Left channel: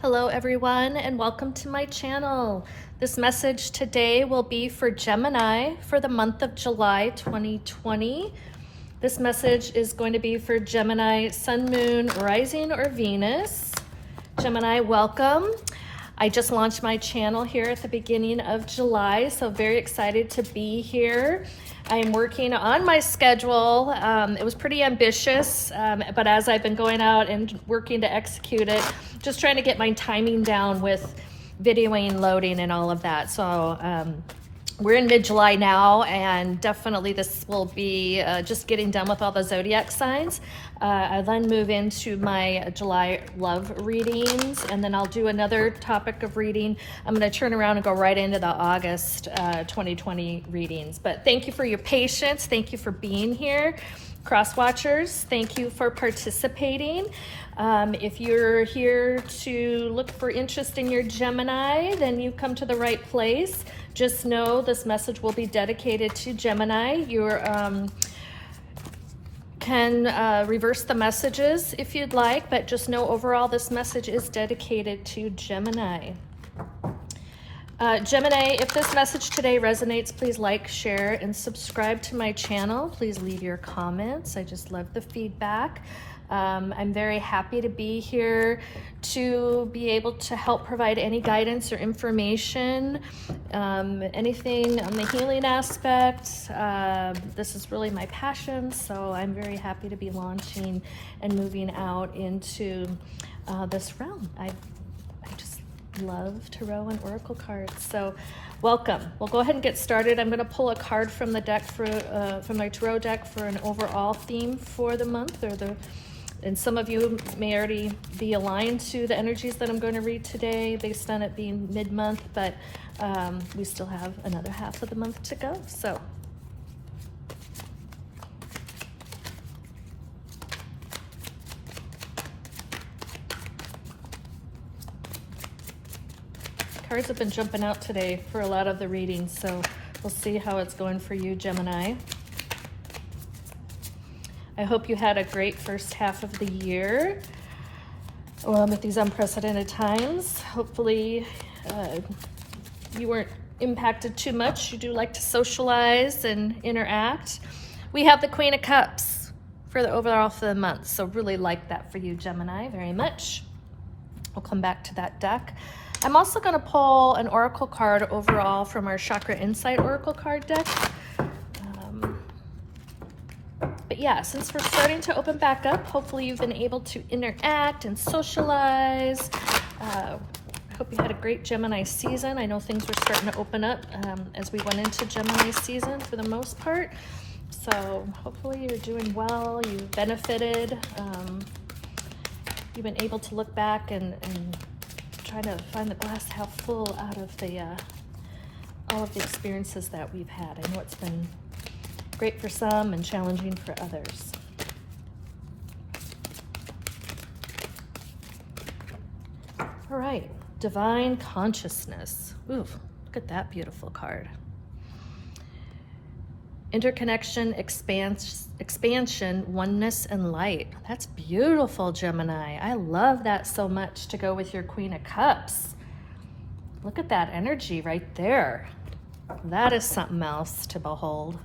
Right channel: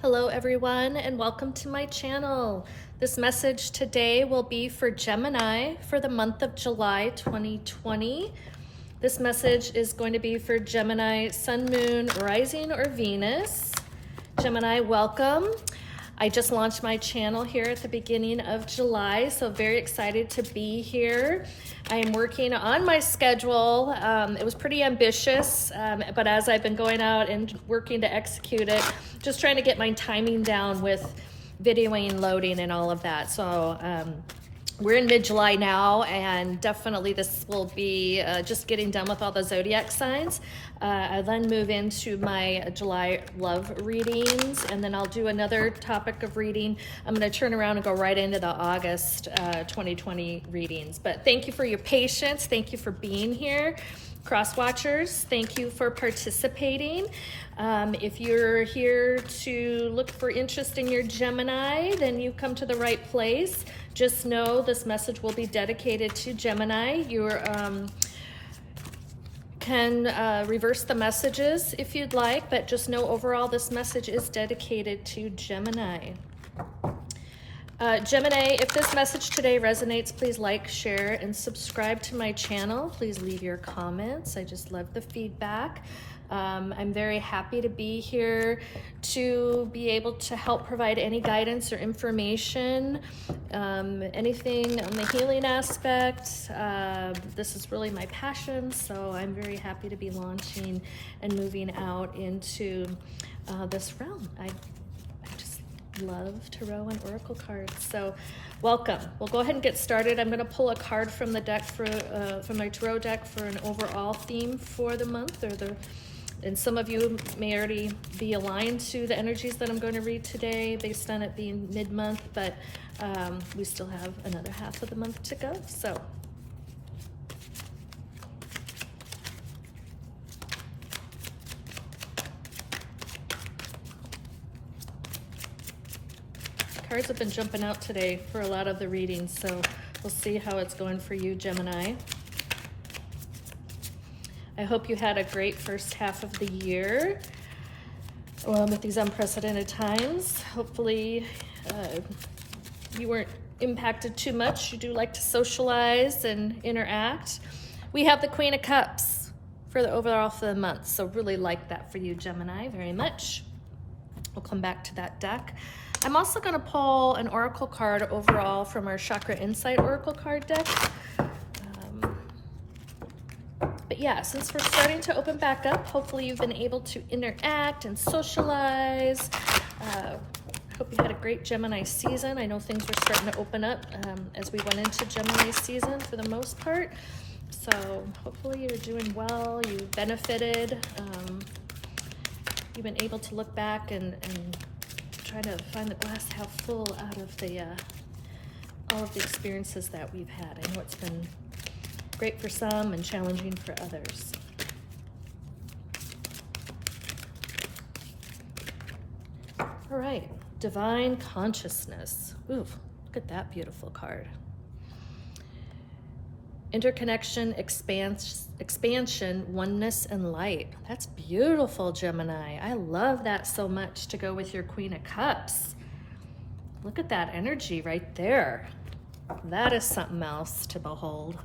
Hello everyone, and welcome to my channel. This message today will be for Gemini for the month of July 2020. This message is going to be for Gemini, Sun, Moon, Rising, or Venus. Gemini, welcome. I just launched my channel here at the beginning of July, so very excited to be here. I am working on my schedule. It was pretty ambitious, but as I've been going out and working to execute it, just trying to get my timing down with videoing, loading, and all of that. So we're in mid-July now, and definitely this will be just getting done with all the zodiac signs. I then move into my July love readings, and then I'll do another topic of reading. I'm going to turn around and go right into the August 2020 readings. But thank you for your patience. Thank you for being here. Cross watchers, thank you for participating. If you're here to look for interest in your Gemini, then you've come to the right place. Just know this message will be dedicated to Gemini. You can reverse the messages if you'd like, but just know overall this message is dedicated to Gemini. Gemini, if this message today resonates, please like, share, and subscribe to my channel. Please leave your comments. I just love the feedback. I'm very happy to be here to be able to help provide any guidance or information, anything on the healing aspect. This is really my passion, so I'm very happy to be launching and moving out into this realm. I just love tarot and oracle cards, so welcome. We'll go ahead and get started. I'm going to pull a card from the deck from my tarot deck for an overall theme for the month, and some of you may already be aligned to the energies that I'm going to read today based on it being mid-month, but we still have another half of the month to go. So cards have been jumping out today for a lot of the readings, so we'll see how it's going for you, Gemini. I hope you had a great first half of the year with these unprecedented times. Hopefully you weren't impacted too much. You do like to socialize and interact. We have the Queen of Cups for the overall for the month, so really like that for you, Gemini, very much. We'll come back to that deck. I'm also going to pull an oracle card overall from our Chakra Insight oracle card deck. But yeah, since we're starting to open back up, hopefully you've been able to interact and socialize. I hope you had a great Gemini season. I know things were starting to open up as we went into Gemini season for the most part. So hopefully you're doing well, you benefited. You've been able to look back and try to find the glass half full out of all of the experiences that we've had. I know it's been great for some and challenging for others. All right, Divine Consciousness. Ooh, look at that beautiful card. Interconnection, expansion, oneness, and light. That's beautiful, Gemini. I love that so much to go with your Queen of Cups. Look at that energy right there. That is something else to behold.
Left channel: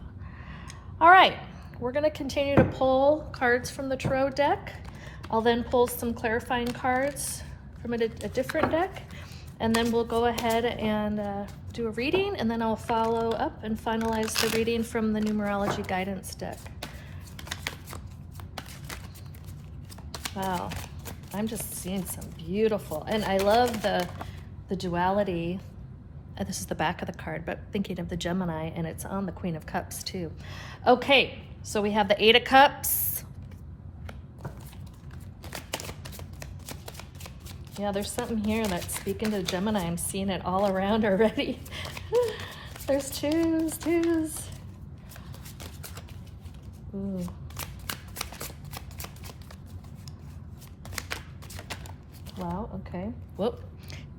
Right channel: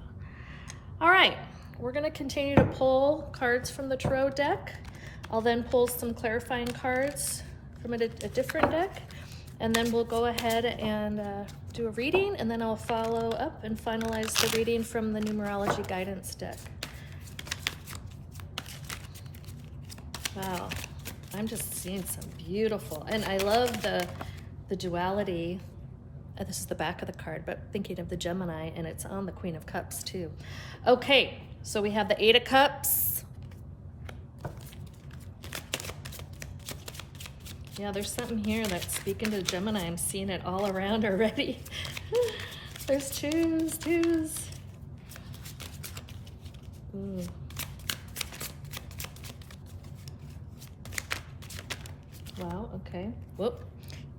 All right, we're going to continue to pull cards from the tarot deck. I'll then pull some clarifying cards from a different deck, and then we'll go ahead and do a reading, and then I'll follow up and finalize the reading from the numerology guidance deck. Wow, I'm just seeing some beautiful, and I love the duality. This is the back of the card, but thinking of the Gemini, and it's on the Queen of Cups too. Okay, so we have the Eight of Cups. Yeah, there's something here that's speaking to Gemini. I'm seeing it all around already. There's twos. Ooh. Whoop.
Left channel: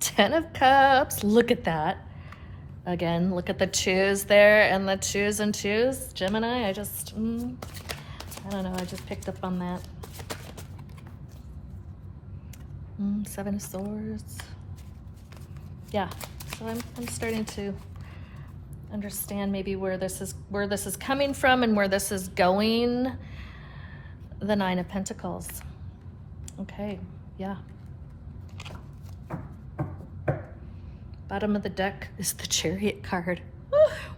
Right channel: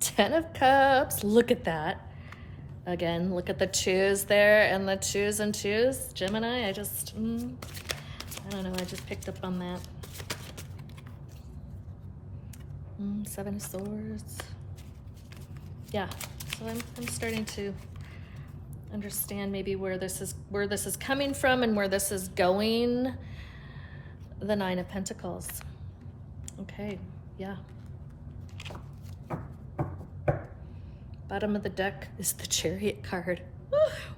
10 of Cups. Look at that. Again, look at the twos there and the twos and twos. Gemini, I don't know, I just picked up on that. 7 of Swords. Yeah, so I'm starting to understand maybe where this is coming from and where this is going. The 9 of Pentacles. Okay, yeah. Bottom of the deck is the Chariot card.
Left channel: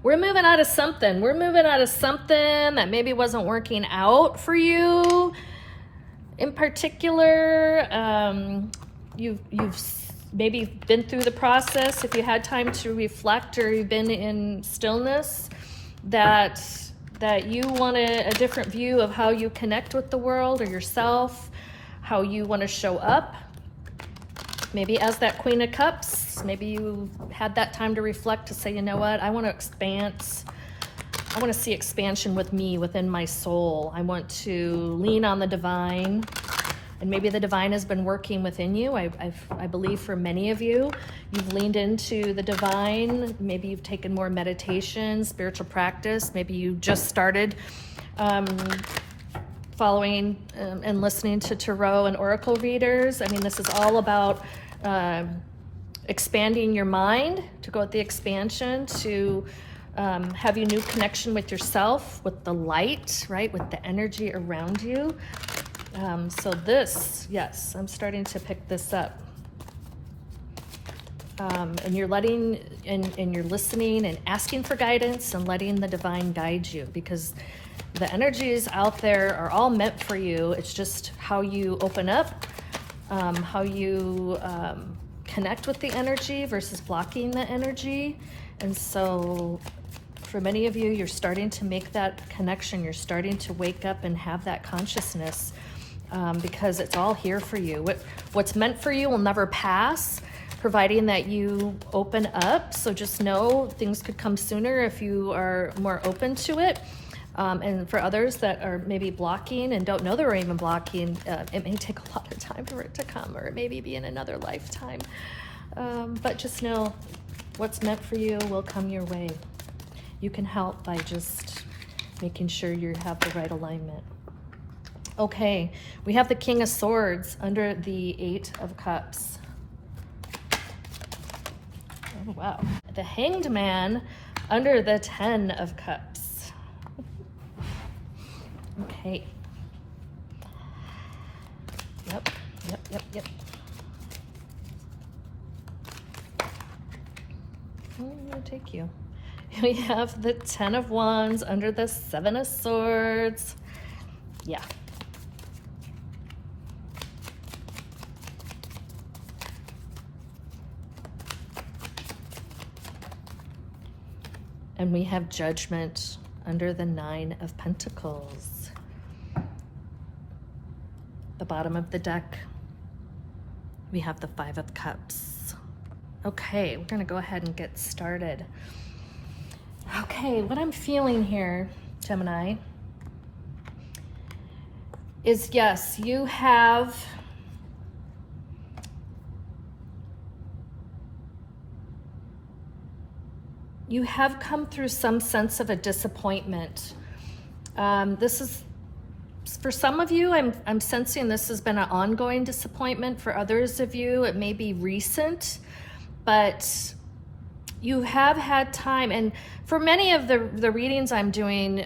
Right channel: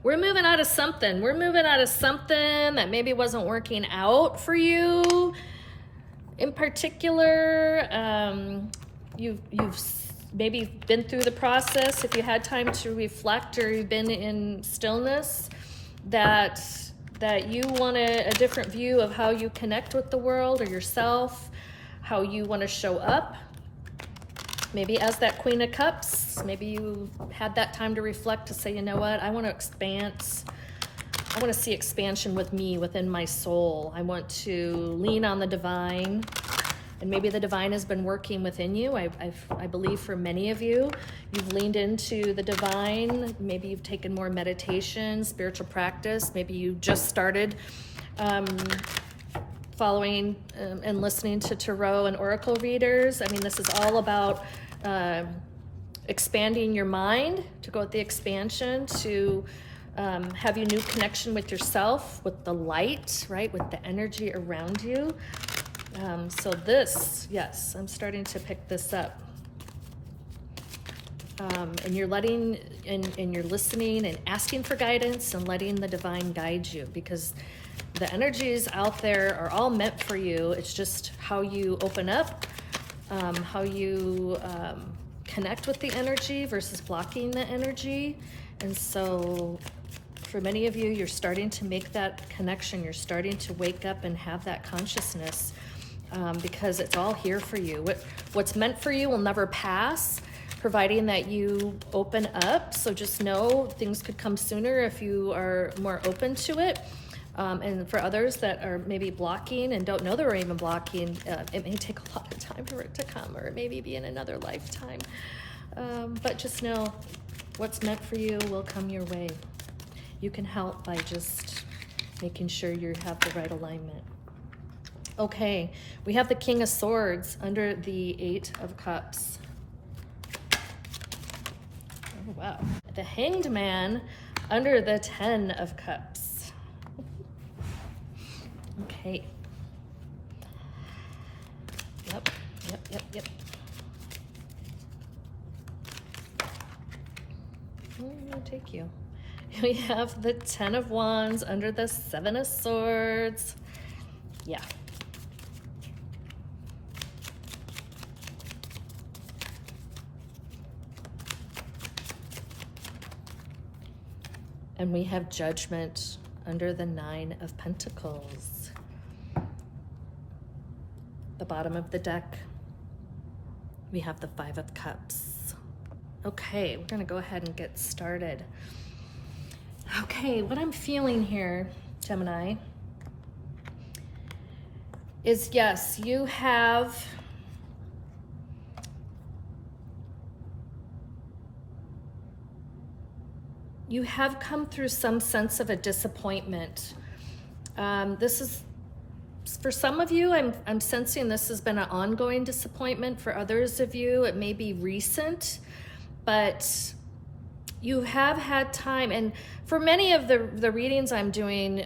We're moving out of something. We're moving out of something that maybe wasn't working out for you. In particular, you've maybe been through the process, if you had time to reflect or you've been in stillness, that you want a different view of how you connect with the world or yourself, how you want to show up. Maybe as that Queen of Cups, maybe you had that time to reflect, to say, you know what, I want to expand. I want to see expansion with me, within my soul. I want to lean on the divine. And maybe the divine has been working within you. I believe for many of you, you've leaned into the divine. Maybe you've taken more meditation, spiritual practice. Maybe you just started following and listening to tarot and oracle readers. I mean, this is all about expanding your mind, to go with the expansion, to have a new connection with yourself, with the light, right? With the energy around you. So this, yes, I'm starting to pick this up. And you're letting, and you're listening and asking for guidance and letting the divine guide you, because the energies out there are all meant for you. It's just how you open up, how you connect with the energy versus blocking the energy. And so for many of you, you're starting to make that connection. You're starting to wake up and have that consciousness, because it's all here for you. What's meant for you will never pass, providing that you open up. So just know things could come sooner if you are more open to it. And for others that are maybe blocking and don't know they're even blocking, it may take a lot of time for it to come, or it maybe be in another lifetime. But just know what's meant for you will come your way. You can help by just making sure you have the right alignment. Okay, we have the King of Swords under the 8 of Cups. Oh, wow. The Hanged Man under the 10 of Cups. Okay. Yep. Where am I going to take you? We have the 10 of Wands under the 7 of Swords. Yeah. And we have Judgment under the 9 of Pentacles. The bottom of the deck, we have the 5 of Cups. Okay, we're gonna go ahead and get started. Okay, what I'm feeling here, Gemini, is yes, you have come through some sense of a disappointment. This is, for some of you, I'm sensing this has been an ongoing disappointment. For others of you, it may be recent, but you have had time. And for many of the readings I'm doing,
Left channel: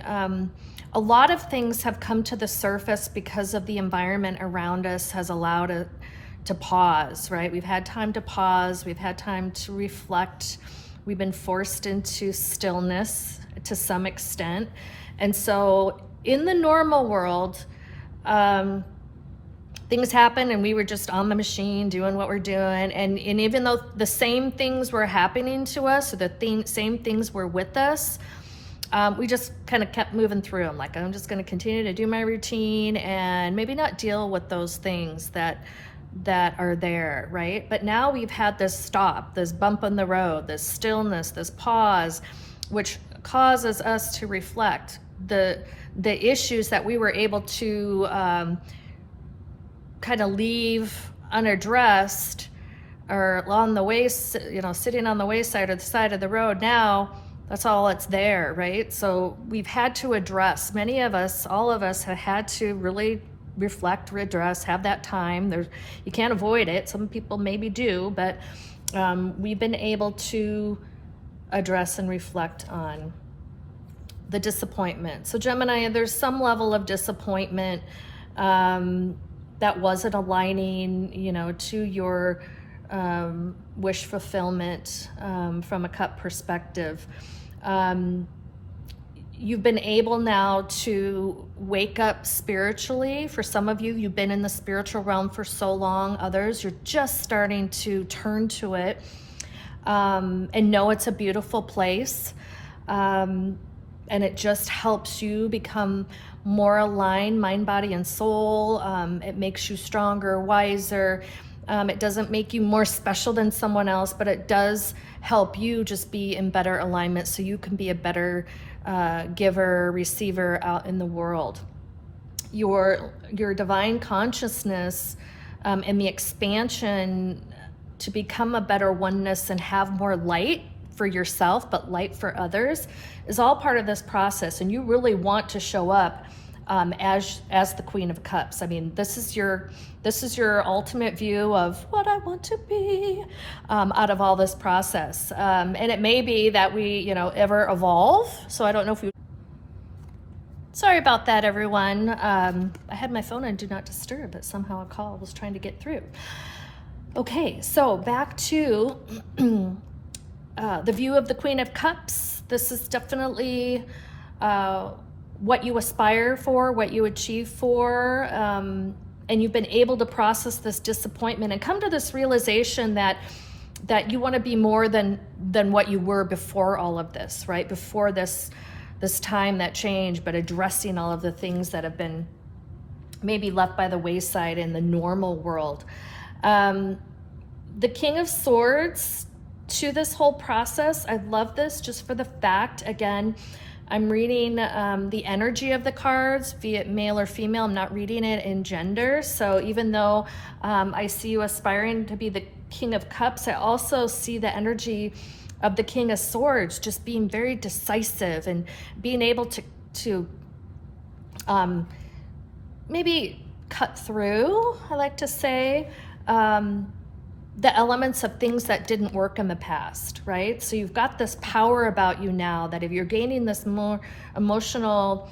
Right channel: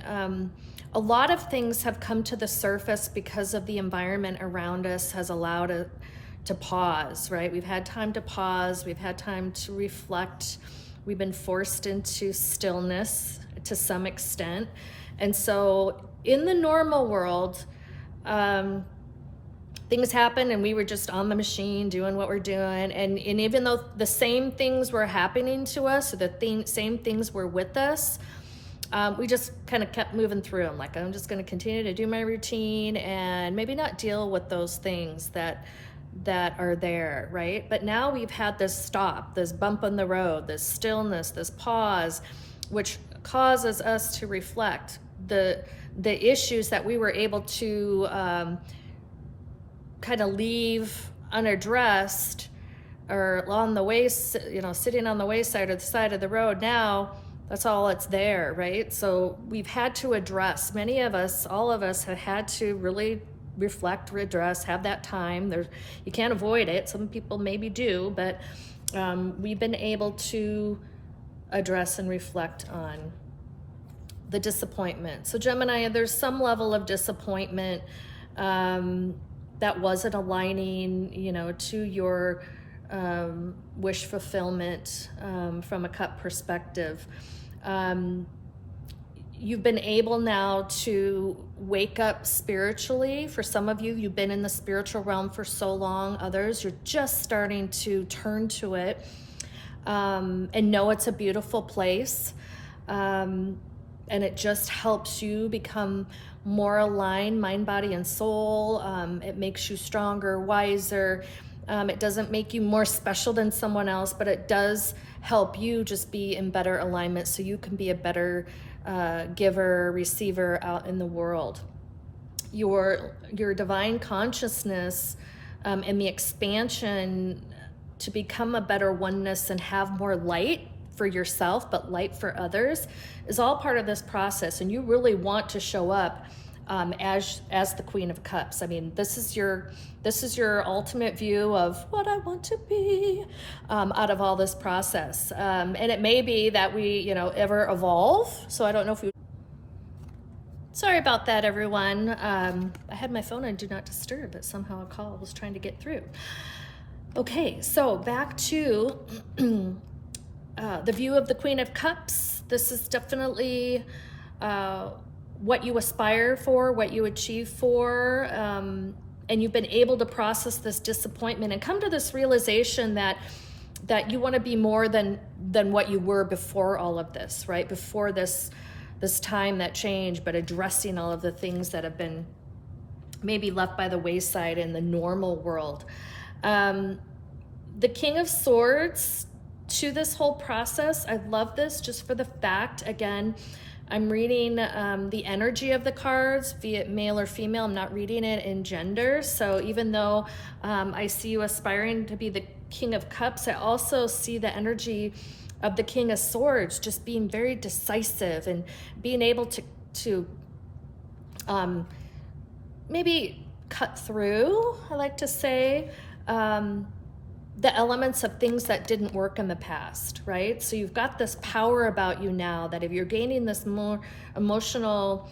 a lot of things have come to the surface because of the environment around us has allowed it to pause, right? We've had time to pause. We've had time to reflect. We've been forced into stillness to some extent. And so in the normal world, things happen and we were just on the machine doing what we're doing. And even though the same things were happening to us, or same things were with us, we just kind of kept moving through them. Like, I'm just going to continue to do my routine and maybe not deal with those things that are there, right? But now we've had this stop, this bump in the road, this stillness, this pause, which causes us to reflect the issues that we were able to kind of leave unaddressed. or on the way, you know, sitting on the wayside or the side of the road, now that's all that's there, right? So we've had to address, many of us, all of us have had to really reflect, redress, have that time. You can't avoid it. Some people maybe do, but we've been able to address and reflect on the disappointment. So Gemini, there's some level of disappointment that wasn't aligning, you know, to your wish fulfillment from a cup perspective. You've been able now to wake up spiritually. For some of you, you've been in the spiritual realm for so long. Others, you're just starting to turn to it and know it's a beautiful place. And it just helps you become more aligned, mind, body, and soul. It makes you stronger, wiser. It doesn't make you more special than someone else, but it does help you just be in better alignment so you can be a better giver, receiver out in the world. Your divine consciousness and the expansion to become a better oneness and have more light for yourself, but light for others, is all part of this process. And you really want to show up as the Queen of Cups. I mean, this is your ultimate view of what I want to be out of all this process. And it may be that we, you know, ever evolve. So I don't know if we. Sorry about that, everyone. I had my phone on Do Not Disturb, but somehow a call was trying to get through. Okay, so back to the view of the Queen of Cups. This is definitely what you aspire for, what you achieve for, and you've been able to process this disappointment and come to this realization that you want to be more than what you were before all of this, right? Before this time that changed, but addressing all of the things that have been maybe left by the wayside in the normal world. The King of Swords to this whole process, I love this just for the fact, again, I'm reading the energy of the cards, be it male or female. I'm not reading it in gender. So even though I see you aspiring to be the King of Cups, I also see the energy of the King of Swords just being very decisive and being able to maybe cut through, I like to say, the elements of things that didn't work in the past, right? So you've got this power about you now that if you're gaining this more emotional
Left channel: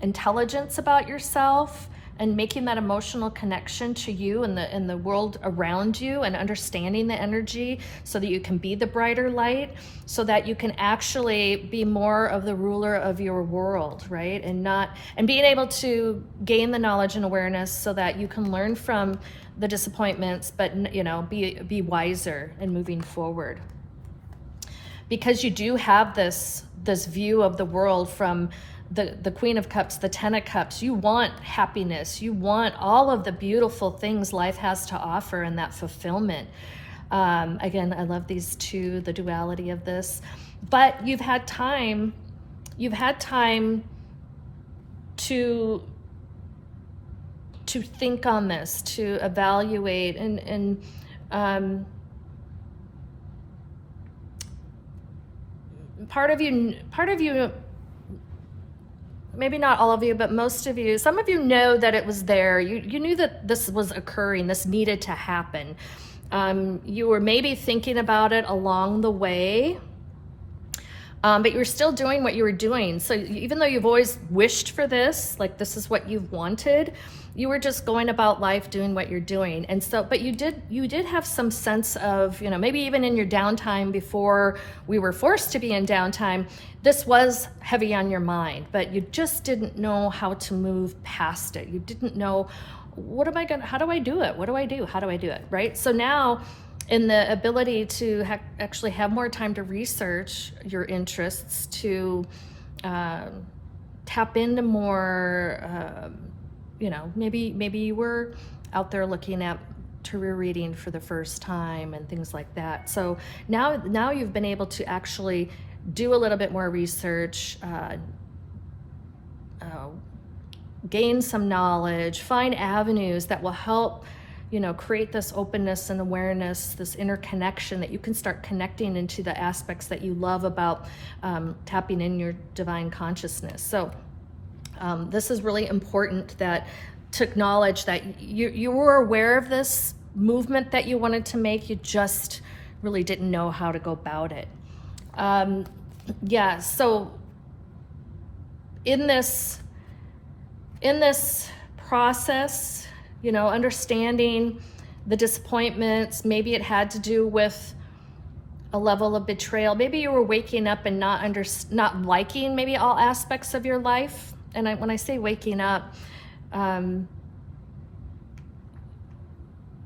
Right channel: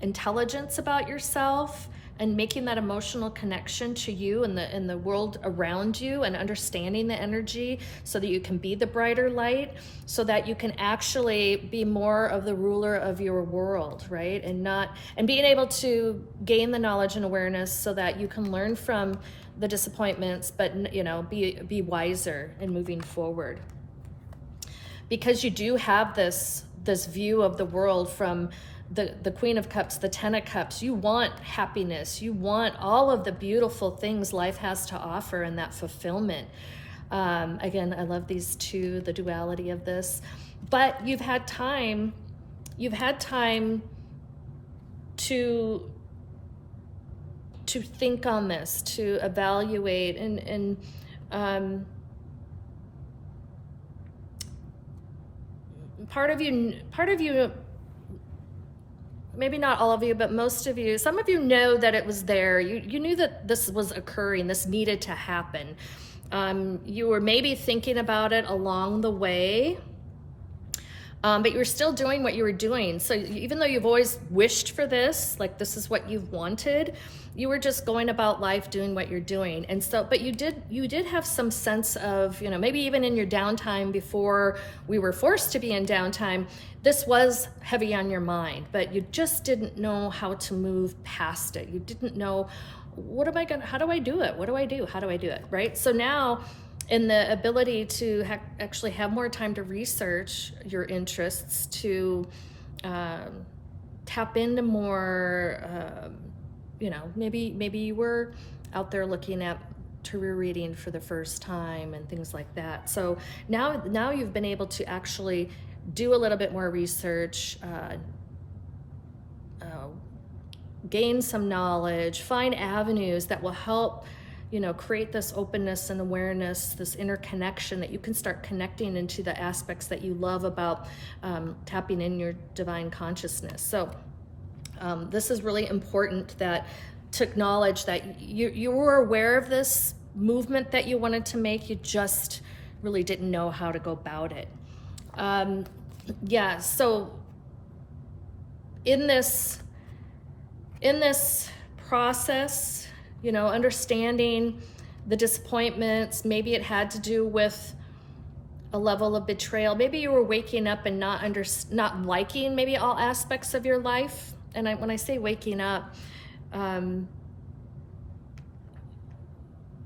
intelligence about yourself and making that emotional connection to you and the world around you and understanding the energy so that you can be the brighter light, so that you can actually be more of the ruler of your world, right? And being able to gain the knowledge and awareness so that you can learn from the disappointments, but you know, be wiser in moving forward. Because you do have this view of the world from the Queen of Cups, the Ten of Cups. You want happiness. You want all of the beautiful things life has to offer and that fulfillment. Again, I love these two, the duality of this. But you've had time to think on this, to evaluate, and part of you, maybe not all of you, but most of you, some of you know that it was there. You knew that this was occurring, this needed to happen. You were maybe thinking about it along the way, but you were still doing what you were doing. So even though you've always wished for this, like this is what you've wanted, you were just going about life doing what you're doing. And so, but you did have some sense of, you know, maybe even in your downtime before we were forced to be in downtime, this was heavy on your mind, but you just didn't know how to move past it. You didn't know, how do I do it? What do I do? How do I do it? Right? So now, in the ability to actually have more time to research your interests, to tap into more, you know, maybe you were out there looking at tarot reading for the first time and things like that. So now you've been able to actually do a little bit more research, gain some knowledge, find avenues that will help create this openness and awareness, this interconnection that you can start connecting into the aspects that you love about tapping in your divine consciousness. So this is really important, that to acknowledge that you were aware of this movement that you wanted to make, you just really didn't know how to go about it. Yeah, so in this process, understanding the disappointments, maybe it had to do with a level of betrayal. Maybe you were waking up and not liking maybe all aspects of your life. And when I say waking up,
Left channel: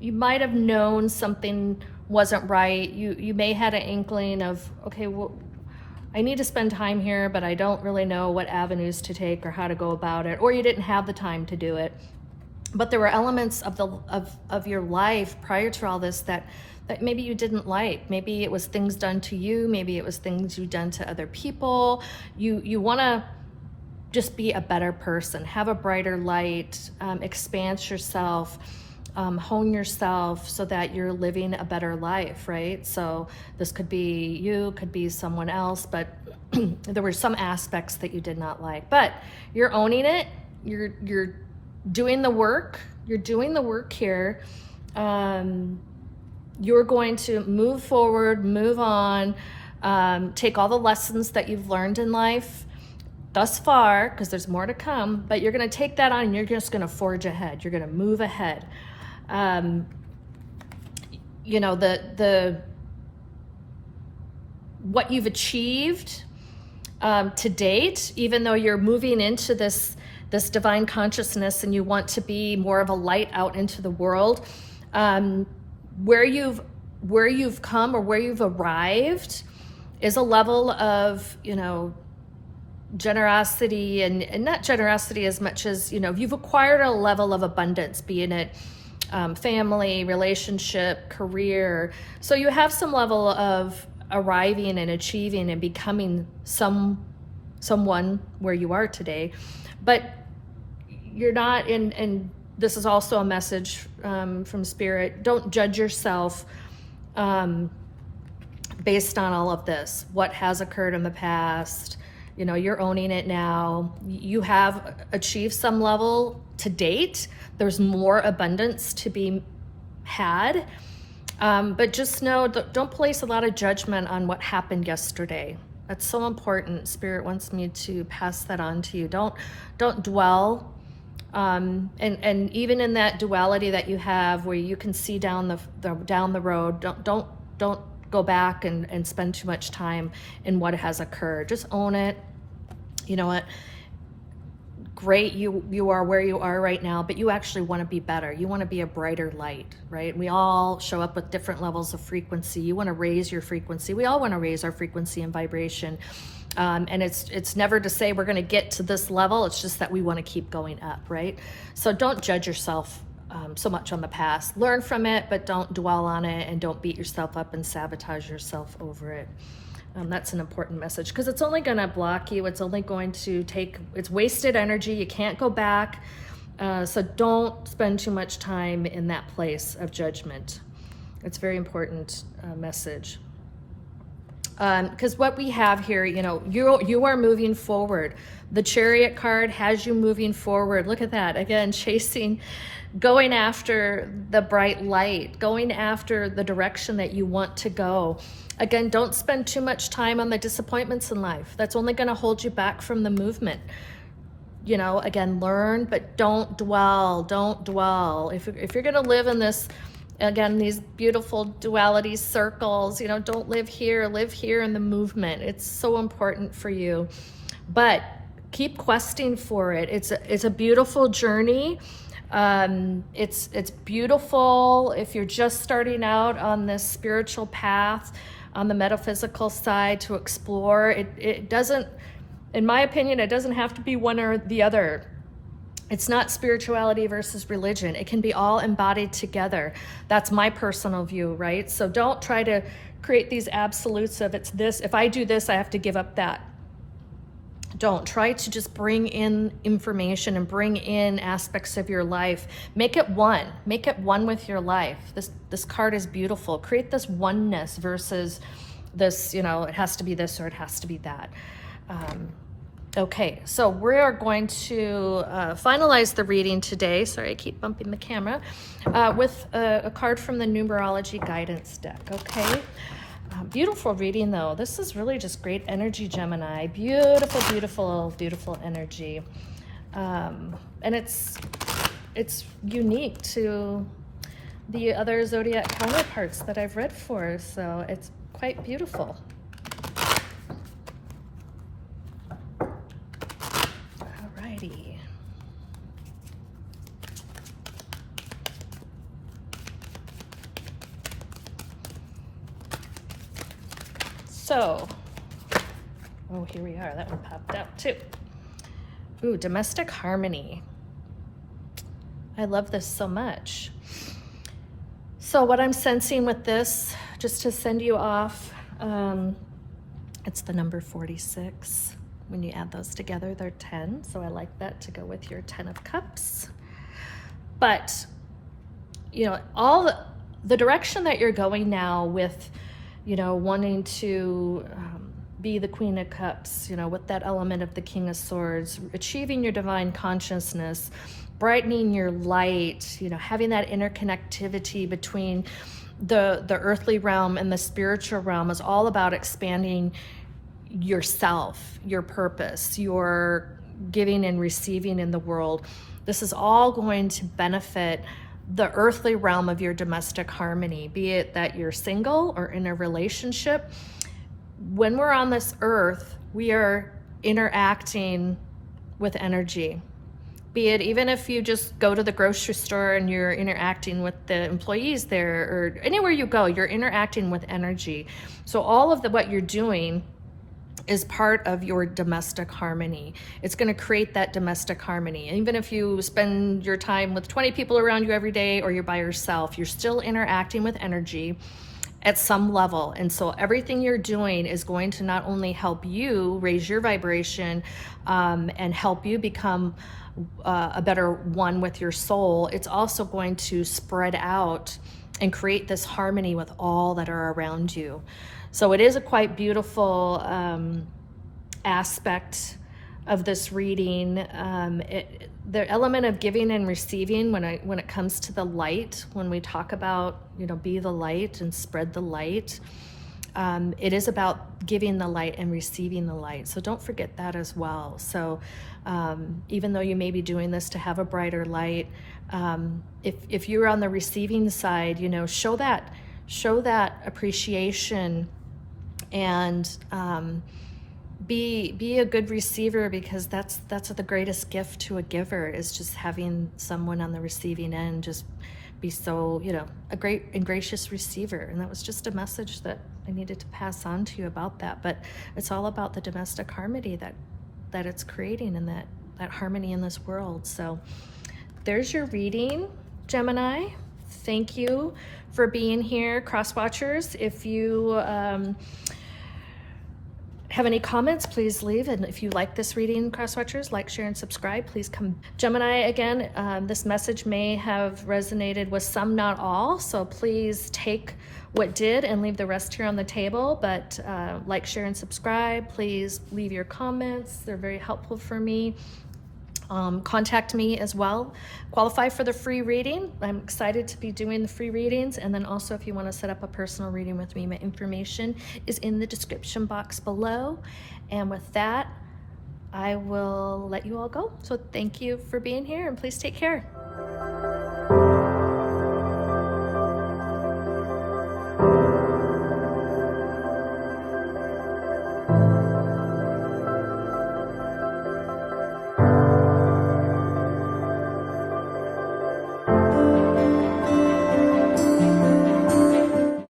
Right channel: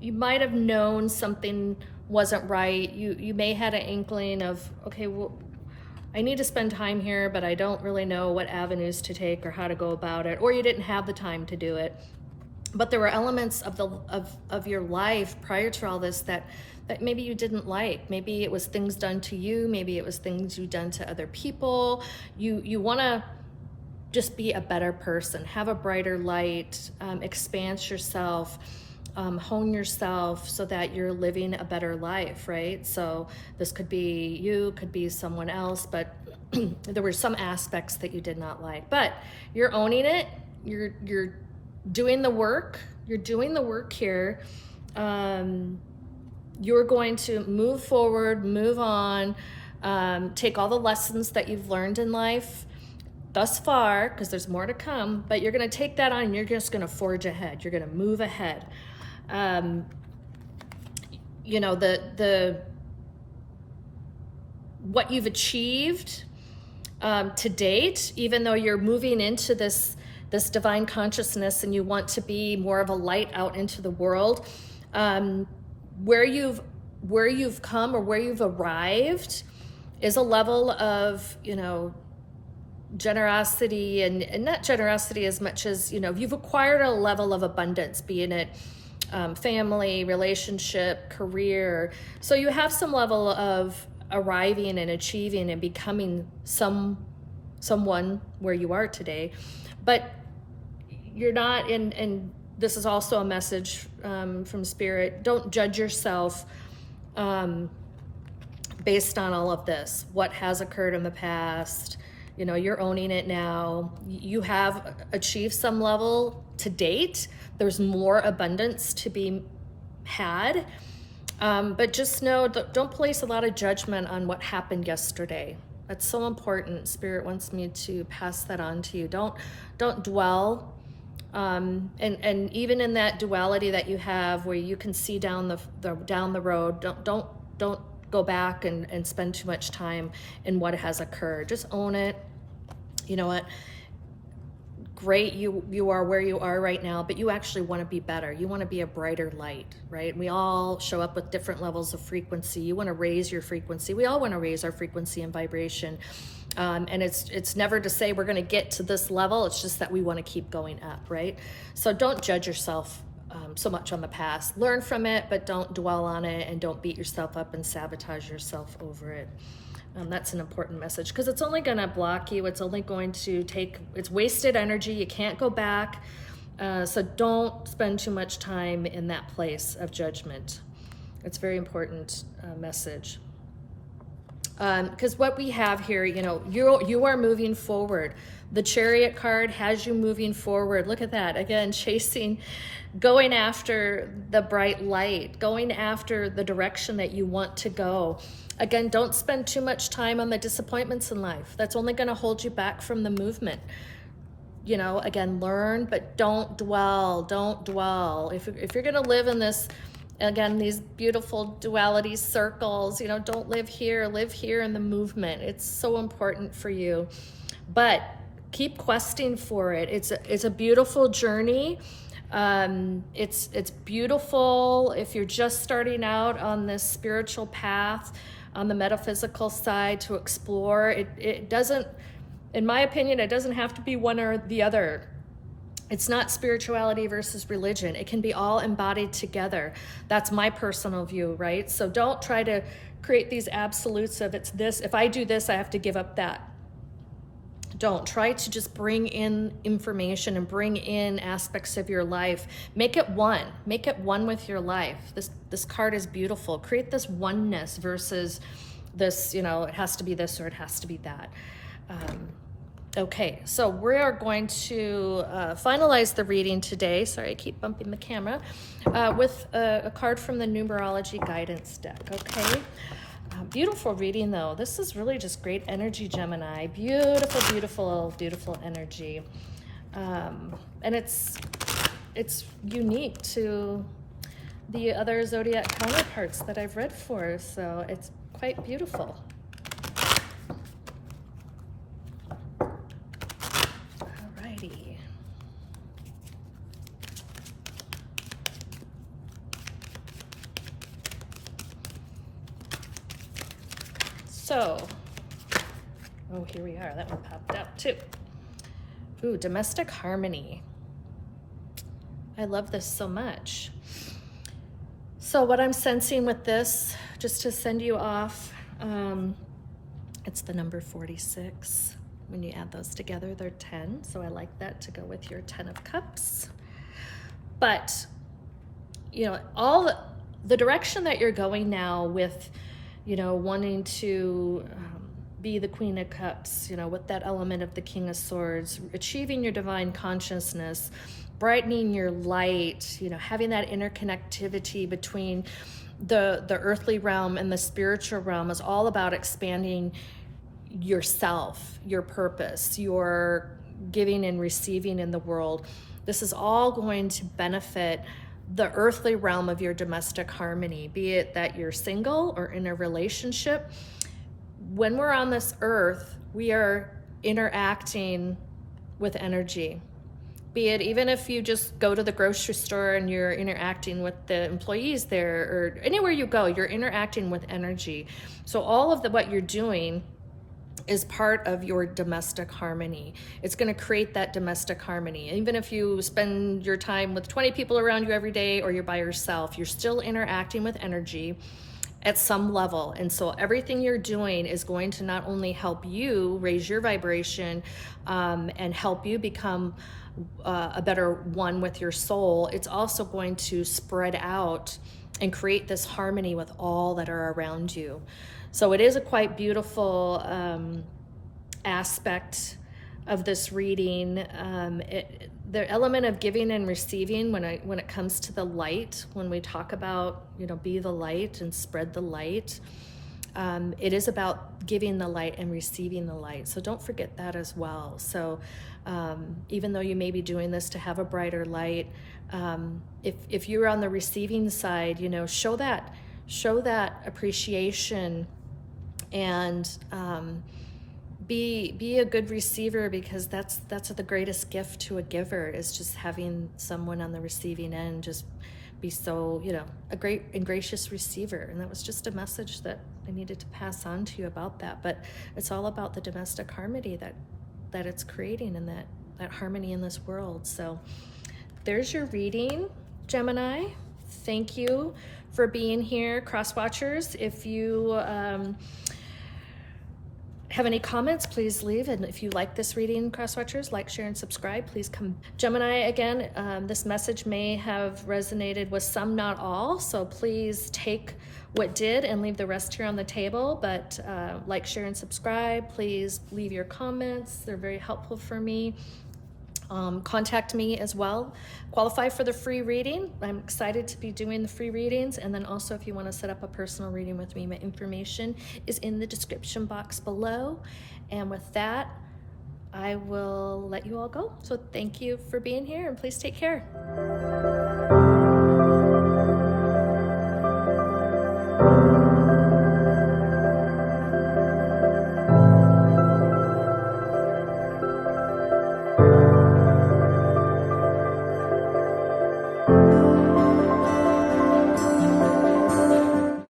you might have known something wasn't right. You may had an inkling of, okay, well, I need to spend time here, but I don't really know what avenues to take or how to go about it, or you didn't have the time to do it. But there were elements of your life prior to all this that maybe you didn't like. Maybe it was things done to you. Maybe it was things you done to other people. You want to just be a better person, have a brighter light, expand yourself, hone yourself so that you're living a better life, right? So this could be you, could be someone else, but there were some aspects that you did not like. But you're owning it. You're doing the work. You're doing the work here. You're going to move forward, move on, take all the lessons that you've learned in life thus far, because there's more to come, but you're going to take that on and you're just going to forge ahead. You're going to move ahead. What you've achieved to date, even though you're moving into this divine consciousness and you want to be more of a light out into the world, where you've come or where you've arrived is a level of, generosity, and not generosity as much as, you've acquired a level of abundance, being it family, relationship, career. So you have some level of arriving and achieving and becoming someone where you are today, but you're not in, and this is also a message from Spirit, don't judge yourself based on all of this, what has occurred in the past. You're owning it now. You have achieved some level to date. There's more abundance to be had. But just know, don't place a lot of judgment on what happened yesterday. That's so important. Spirit wants me to pass that on to you. Don't dwell. And even in that duality that you have, where you can see down the road, don't go back and spend too much time in what has occurred. Just own it. You know what? Great, you are where you are right now, but you actually want to be better. You want to be a brighter light, right? We all show up with different levels of frequency. You want to raise your frequency. We all want to raise our frequency and vibration. And it's never to say we're going to get to this level. It's just that we want to keep going up, right? So don't judge yourself so much on the past. Learn from it, but don't dwell on it, and don't beat yourself up and sabotage yourself over it. That's an important message, because it's only going to block you. It's only going to it's wasted energy. You can't go back. So don't spend too much time in that place of judgment. It's a very important message. Because what we have here, you are moving forward. The Chariot card has you moving forward. Look at that. Again, going after the bright light, going after the direction that you want to go. Again, don't spend too much time on the disappointments in life. That's only going to hold you back from the movement. Again, learn, but don't dwell. Don't dwell. If you're going to live in this, again, these beautiful duality circles, don't live here in the movement. It's so important for you. But keep questing for it. It's a beautiful journey. It's beautiful if you're just starting out on this spiritual path, on the metaphysical side, to explore. It doesn't, in my opinion, it doesn't have to be one or the other. It's not spirituality versus religion. It can be all embodied together. That's my personal view, right? So don't try to create these absolutes of it's this. If I do this, I have to give up that. Don't try to just bring in information and bring in aspects of your life. Make it one with your life. This card is beautiful. Create this oneness versus this, you know, it has to be this or it has to be that. Okay, so we are going to finalize the reading today. Sorry, I keep bumping the camera. With a card from the Numerology Guidance deck, okay? Beautiful reading, though. This is really just great energy, Gemini. Beautiful, beautiful, beautiful energy. And it's unique to the other zodiac counterparts that I've read for, so it's quite beautiful. Alrighty. So, oh, here we are. That one popped out too. Ooh, domestic harmony. I love this so much. So what I'm sensing with this, just to send you off, it's the number 46. When you add those together, they're 10. So I like that to go with your 10 of Cups. But, you know, all the direction that you're going now with, you know, wanting to be the Queen of Cups, you know, with that element of the King of Swords, achieving your divine consciousness, brightening your light, you know, having that interconnectivity between the earthly realm and the spiritual realm is all about expanding yourself, your purpose, your giving and receiving in the world. This is all going to benefit the earthly realm of your domestic harmony, be it that you're single or in a relationship. When we're on this earth, we are interacting with energy. Be it even if you just go to the grocery store and you're interacting with the employees there, or anywhere you go, you're interacting with energy. So all of what you're doing is part of your domestic harmony. It's going to create that domestic harmony. And even if you spend your time with 20 people around you every day, or you're by yourself, you're still interacting with energy at some level. And so everything you're doing is going to not only help you raise your vibration and help you become a better one with your soul, it's also going to spread out and create this harmony with all that are around you. So it is a quite beautiful aspect of this reading. The element of giving and receiving, when it comes to the light, when we talk about, you know, be the light and spread the light, it is about giving the light and receiving the light. So don't forget that as well. So even though you may be doing this to have a brighter light, if you're on the receiving side, you know, show that appreciation and be a good receiver, because that's the greatest gift to a giver, is just having someone on the receiving end just be so, you know, a great and gracious receiver. And that was just a message that I needed to pass on to you about that. But it's all about the domestic harmony that it's creating, and that harmony in this world. So there's your reading, Gemini. Thank you for being here, cross watchers. If you have any comments, please leave. And if you like this reading, cross watchers, like, share, and subscribe. Please come. Gemini, again, this message may have resonated with some, not all. So please take what did and leave the rest here on the table. But like, share, and subscribe. Please leave your comments. They're very helpful for me. Contact me as well. Qualify for the free reading. I'm excited to be doing the free readings. And then also, if you want to set up a personal reading with me, my information is in the description box below. And with that, I will let you all go. So thank you for being here, and please take care.